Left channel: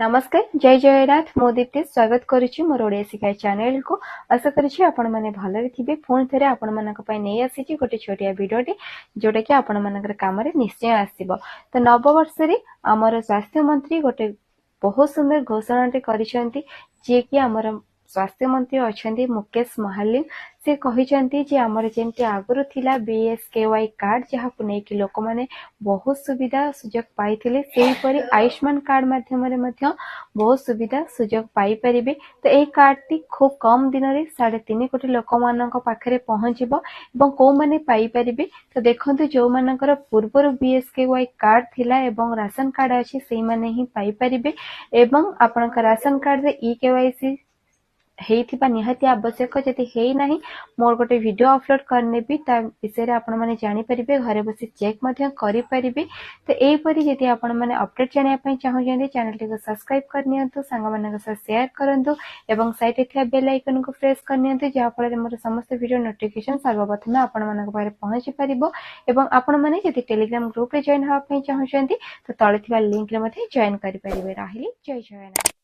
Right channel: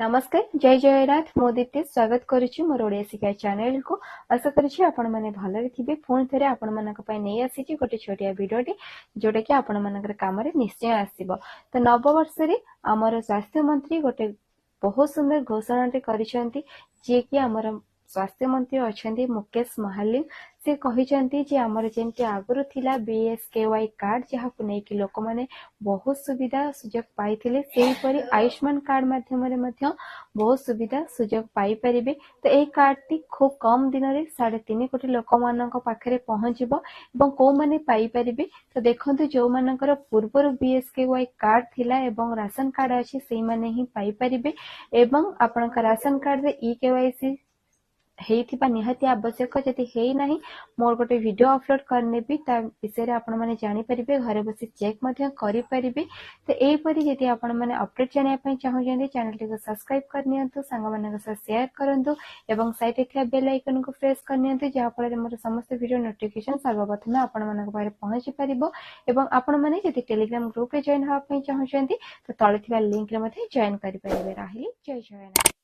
नमस्कार जय जयनाथ मो दीप्ति स्वागत करुच्ची मोर ओडिया शिक्षा चैनल को। आशा करुच्ची आपण माने भलरे थिबे। फोन थरे आपण मानक पय नै आसीची गोटे छोटिया वीडियोटी जोटा कि आपण मानकर काम रे निश्चय आसीबो। तो नववर्ष रे हमर स्वास्थ्य मंत्री गोटे बहुत सुंदर घोषणा करिसेंती जे कि हमर स्वास्थ्य मंत्री अछंती मुकेश महालिक। से कहिसेंती जे हमर जेंति आगुरु थिला बीएसकेवाई कार्ड जहा को नै कि लोक माने बहुत सुविधा सुजोग पाइथिले सेही परि आयुष्मान कार्ड माध्यम रे मध्य बहुत सुविधा सुजोग पाई परिबे। तो एही कार्ड टी खूब कम दिन रे 3.5 कोटी लोक मानक पाखरे पहुंचिबो एवं को माने पाई परिबे। तो देखंतु जो मानकर पूर्वर बीएसकेवाई कार्ड थिला एवं राशन कार्ड अछि सेही माने ही पाई परिबे एवं आपनका राशन कार्ड रे ई केवाईसी हेइथिबा निहाती आवश्यक। जदि हेइ नाही मोर गोटे वीडियो अपलोड करने भी ता विषय रे आपण माने जानि परिबे, घरे बसी चेक मध्य करि परिबे। तो एई परि जदि आपण माने अपडेट जानिया पय चाहौ जंदी चैनल टी को सब्सक्राइब करनियंतु, संग मानक साथ शेयर करंतु एवं साइड रे थिया बेल आइकन को प्रेस करनियंतु जहा फल मोर समस्त वीडियो नोटिफिकेशन सर्वप्रथम आपण मानक पारे पहुंची परिबो। एवं आपण माने जदि टेलीग्राम ग्रुप रे जॉइन होआ पय चाहौ जंदी तो तळे थिबा लिंक रे मथे जॉइन करि परिबे। राहिली जय जयनाथ।